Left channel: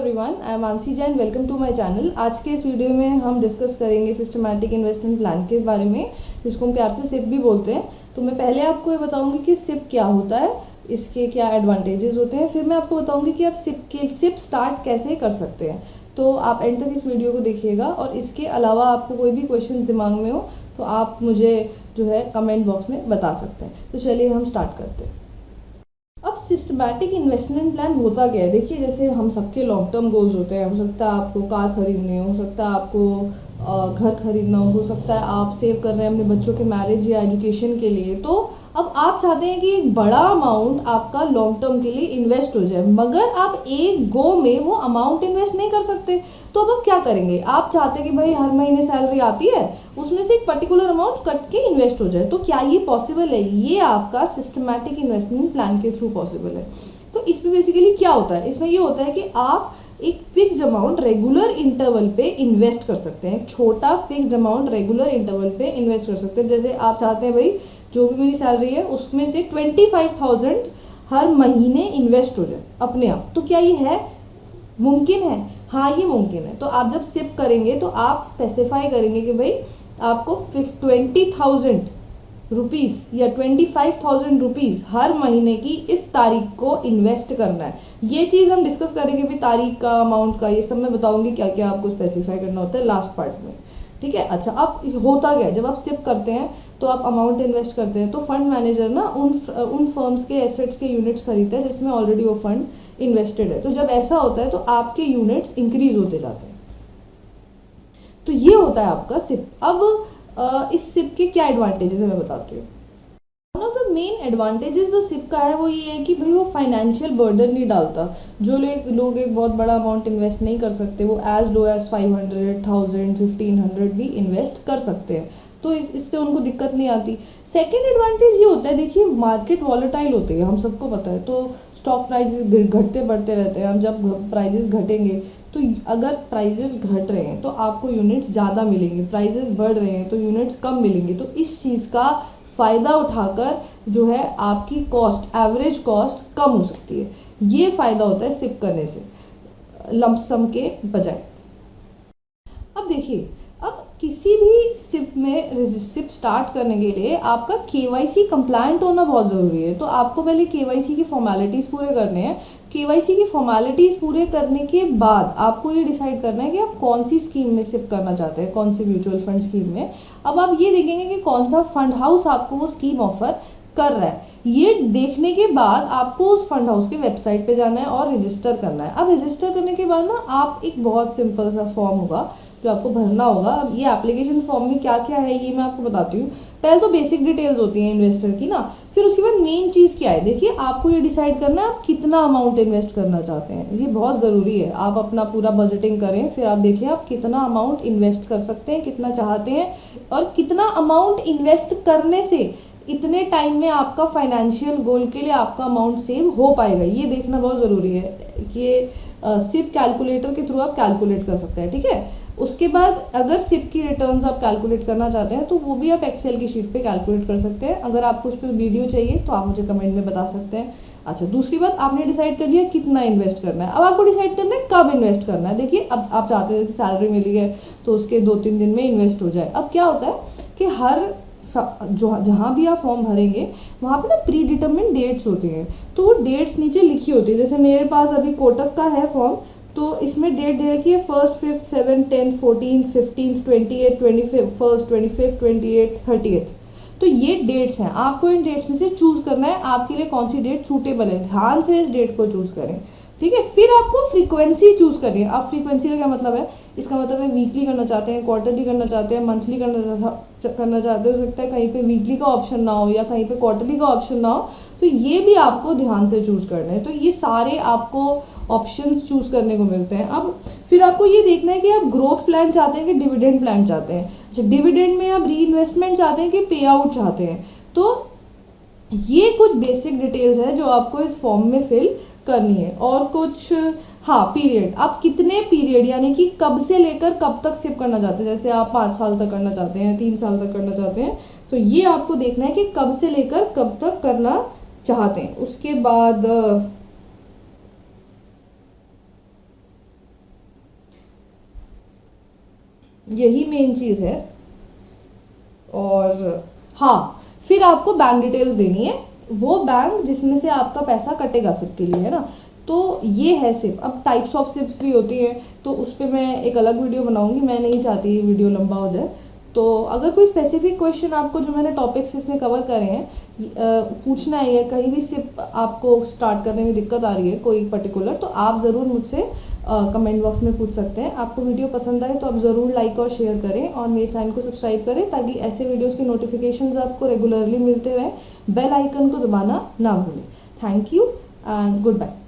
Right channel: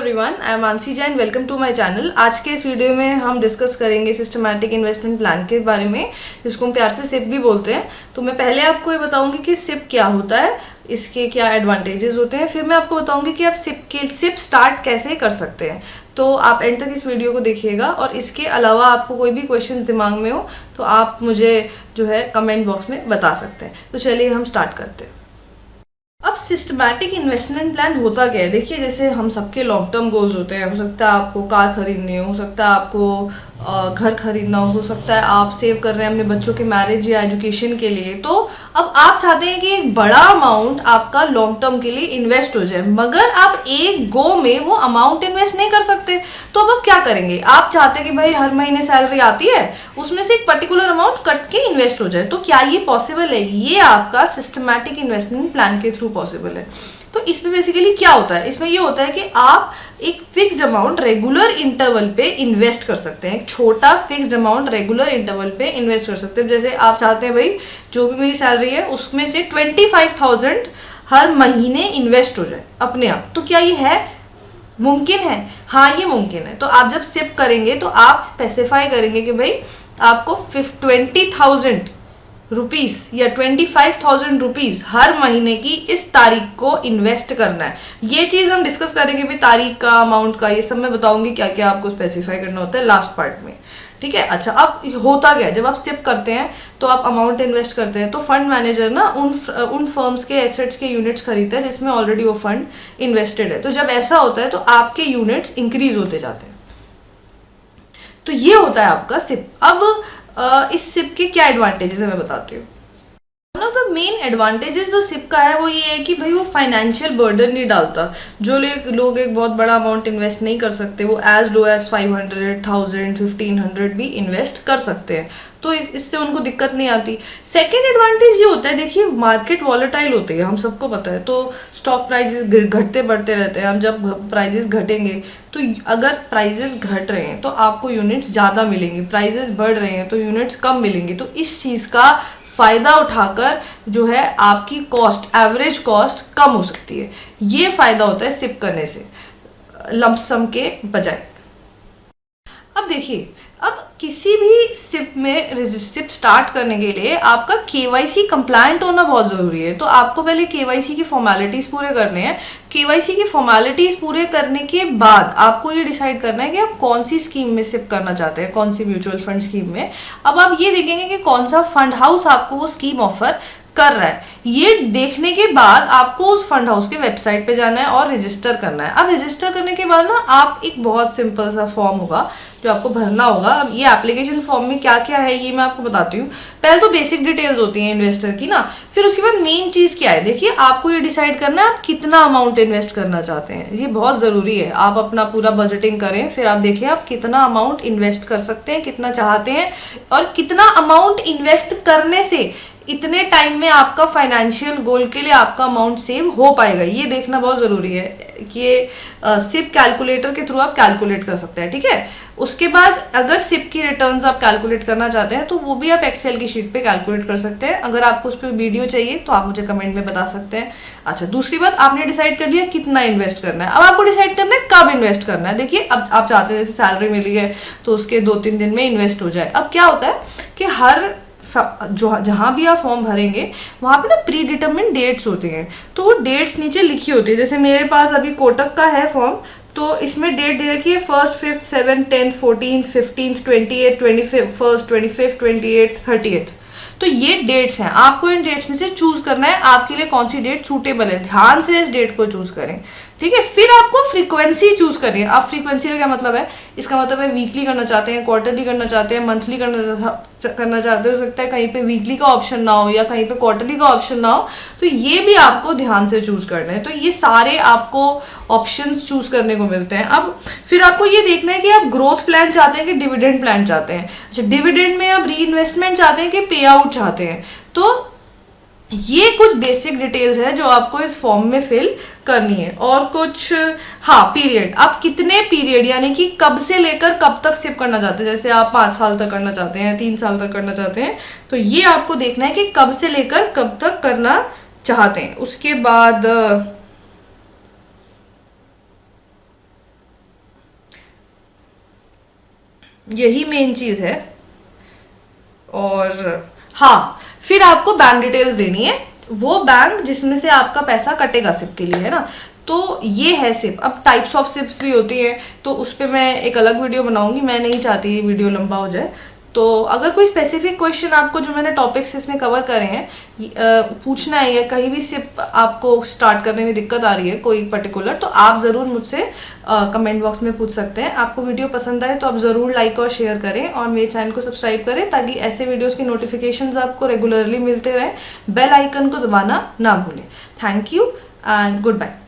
Everyone, I am Mansi Jain. Welcome to my channel. आज के इस वीडियो में हम डिस्कस करेंगे सिस्टमैटिक इन्वेस्टमेंट प्लान के बारे में, जिसको हम प्यार से सिप भी बोलते हैं। तो मैं पहले आपको ये बताऊंगी कि सिप क्या होता है, इसके क्या एडवांटेजेस होते हैं, फिर मैं आपको बताऊंगी कि आप सिप स्टार्ट कैसे कर सकते हैं। तो आप एंड तक इस वीडियो को देखिएगा, और इसके अलावा आपको कोई भी क्वेश्चन दिमाग में हो तो आप मुझे जो है कमेंट बॉक्स में बता सकते हैं। तो चलिए हम स्टार्ट करते हैं। अब सिस्टमैटिक इन्वेस्टमेंट प्लान होता क्या है, देखिए जैसे हम सबके लॉन्ग टर्म गोल्स होते हैं। हो सकता है आपको कार खरीदनी हो सकता है आपको घर खरीदना हो सकता है आप सेव कर रहे हैं अपने बच्चों के मैरिज या एजुकेशन के लिए। तो अब आप चाहते हैं कि एक बड़ा अमाउंट आपका लॉन्ग टर्म के लिए इन्वेस्ट हो जाए, मगर आप एक गो में वो अमाउंट इन्वेस्ट नहीं कर सकते। तो अब आप क्या करेंगे, आप चाहते हैं कि भाई हर महीने सैलरी आती है, उसमें से एक पर्टिकुलर अमाउंट कट के इन्वेस्ट हो जाए। तो क्या ये पॉसिबल है? ये आपका सिस्टमैटिक इन्वेस्टमेंट प्लान के थ्रू पॉसिबल है। तो इसमें बेसिकली क्या होता है, इसमें ये होता है कि आप एक फिक्स्ड अमाउंट रेगुलर इंटरवल पे इन्वेस्ट कर सकते हैं। एक छोटा फिक्स्ड अमाउंट रेगुलर इंटरवल पे इन्वेस्ट कर सकते हैं। जैसे आप चाहते हैं भाई जो भी मेरी सैलरी है उसमें से 25,000 हर महीने इन्वेस्ट हो जाए अपने आप। तो क्या ये है? मुमकिन है। हाँ, ये मुमकिन है। तो आप जब सिप करेंगे तो आप स्पेसिफाई करेंगे कि भाई आपको 20,000 रुपीस या 25,000 रुपीस हर महीने की इस तारीख को इन्वेस्ट करना है। ये चीज हम डिस्कस करेंगे भी, तारीख का, अमाउंट का, ये सब मैं बताऊंगी क्या क्या आपको स्पेसिफाई करना होता है लास्ट पार्ट में। ठीक है। अच्छा, अब होता क्या है, जब आप सिप करते हैं तो आप अमाउंट इन्वेस्ट करते हैं, तो फंड मैनेजर ना उन फर्म्स के एसेट्स के यूनिट्स खरीदता है जिसमें ऑलरेडी वो फंड इन्वेस्टेड है। तो जब ऐसा होता है तो आपके यूनिट्स इंक्रीज होते जाते हैं। तो ये होता है आपका सिप। अब इस सिप के क्या एडवांटेजेस है मैं बताती हूँ। One of the main advantages जो सिप का है वो ये है कि भाई वो फाइनेंशियल बर्डन नहीं डालता। जो लोग एक बहुत बड़ा अमाउंट इन्वेस्ट नहीं कर सकते, वो एज लो एज 500, 1000, 1500 भी इन्वेस्ट कर सकते हैं। तो इससे उनको दिक्कत नहीं आती। सेकेंड एडवांटेज ये होता है, देखिए मार्केट वॉलेटाइल होती है, हम सबको पता है। तो स्टॉक प्राइजेस घटते बढ़ते रहते हैं। हम जब प्राइजेस घटेंगे तो अगर प्राइजेस घट रहे हैं तो आपको यूनिट्स ज़्यादा मिलेंगे, प्राइजेस बढ़ रहे हैं तो यूनिट्स कम मिलेंगे। तो इस चीज़ का फायदा उठाकर जो है आपकी कॉस्ट, एवरेज कॉस्ट कम हो सकती है। ये फायदा होता है सिप करने से लमसम के बजाय। अब देखिए, अब किसी भी सिप में सिप स्टार्ट करने के लिए आपका केवाईसी कंप्लायंट होना बहुत जरूरी है। तो आपको पहले केवाईसी की फॉर्मेलिटीज पूरे करने हैं। केवाईसी की फॉर्मेलिटीज पूरे करने के बाद आपको ये डिसाइड करना है कि आप कौन सी स्कीम में सिप करना चाहते हैं, कौन सी म्यूचुअल फंड स्कीम में। अब आप ये देखेंगे कि कौन सा फंड हाउस आपको वो स्कीम ऑफर कर रहा है। ये देखने के बाद आपको उस फंड हाउस के वेबसाइट पे जाना है और रजिस्टर करना है। अब रजिस्टर करने के बाद ना आप एक बहुत सिंपल सा फॉर्म होगा जो आपको भरना होगा। अब ये एप्लीकेशन फॉर्म में क्या क्या है ये मैं आपको बताती हूँ। पहले तो बेसिक डिटेल्स होती हैं इन्वेस्टर की ना, फिर उसके बाद मेन चीज क्या है, देखिए आपको ये डिसाइड करना है आप कितना अमाउंट इन्वेस्ट करना चाहते हैं। ये बहुत जरूरी है। आप अपना पूरा बजटिंग करें, फिर आप देखिए आप कितना अमाउंट इन्वेस्ट कर सकते हैं, कितना चाहते हैं, और कितना अमाउंट इन्वेस्ट करने से इतने टाइम में आपका फाइनेंशियल गोल के लिए आपका अमाउंट सेव हो पाएगा। ये देखना बहुत जरूरी है कि ये सिप कैलकुलेटर के थ्रू आप कैलकुलेट कर सकते हैं। ठीक है। उसके बाद अगर सिप की रिटर्न्स आप कैलकुलेट करना चाहते हैं तो वो भी आप एक्सेल की शीट पे कैलकुलेट कर सकते हैं। अगर आपको उस पर वीडियो चाहिए तो आप मुझे कमेंट में बता सकते हैं। अच्छा, दूसरी बात, आपने डिसाइड कर लिया कितना इन्वेस्ट करना है। अब आपको डिसाइड करना है कब इन्वेस्ट करना है। देखिए अब आप चाहते हैं जैसे सैलरी मिली है तो उसके 2-3 दिन में इन्वेस्ट हो जाए। अब क्या होता है कि हर जहां भी आप फॉर्म भरेंगे वहां पे ना प्री डिटरमिन डेट्स होती हैं। तो वो डेट्स नीचे लिखी होती है। जैसे मेरे पास अभी कोटक का है फॉर्म, तो इसमें डेट दे रखी है 1st, 5th, 7th, 10th, 14th, 15th, 28th, 21st, 25th, 28th, 30th। तो ये डेट्स हैं। आपको इन डेट्स में से चूज करना है आपके लिए कौन सी डेट सूटेबल है। ध्यान से इस डेट को चूज करें। ठीक है। फिर आपको फ्रीक्वेंसी चूज करनी है। आप फ्रीक्वेंसी का क्या मतलब है, इसका मतलब है वीकली करना चाहते हैं, क्वार्टरली करना चाहते हैं, मंथली करना चाहते हो सकता है कहीं पे वीकली का ऑप्शन ना हो या कहीं पे क्वार्टरली का ऑप्शन ना हो। तो ये भी आपको ध्यान से चूज करना है। तो ये सारे आपको ऑप्शंस चूज करने को मिलते हैं। अब फिर आपको ये देखना है कि आप ग्रोथ प्लान चाहते हैं कि डिविडेंड प्लान चाहते हैं। अच्छा, डिविडेंड में आप री इन्वेस्टमेंट चाहते हैं कि पे आउट चाहते हैं। तो ये कुछ बेसिक डिटेल्स है जो आपको इस फॉर्म में फिल करनी है। और कुछ, हाँ, पीरियड, आप कितने पीरियड यानी कि कब से लेकर कब तक सिप करना चाहते हैं। जैसे आप 5 साल तक करना चाहते हैं, 3 साल तक करना चाहते हैं, तो ये आपको देखना है कि कब से लेकर कब तक करना चाहते हैं। उसके बाद यही मेन चीज़ है। और हाँ, फिर आपको बैंक डिटेल्स देनी है, वो बैंक जिसमें से आपका पैसा कटेगा सिप के लिए, है ना। तो ये है सिप। अब टाइप्स ऑफ सिप्स भी होती है, तो उस पर मैं एक अलग वीडियो बनाऊंगी, मैं नहीं चाहती वीडियो लंबा हो जाए। तो अगर कोई स्पेसिफिक क्वेश्चन आपको, जो मैंने टॉपिक्स इसमें कवर करे हैं, पूछना है, या कहीं भी सिप आपको स्टार्ट करने में दिक्कत आ रही है कोई पर्टिकुलर, तो आप ज़रूर मुझसे कमेंट बॉक्स में पूछ सकते हैं। आपको वीडियो पसंद आए तो आप ज़रूर लाइक और शेयर करें, और मेरे चैनल को सब्सक्राइब करें, ताकि ऐसे वीडियोस की नोटिफिकेशंस आपको रेगुलरली मिलते रहें। बेल आइकन को दबाना ना भूलें। Thank you and good bye.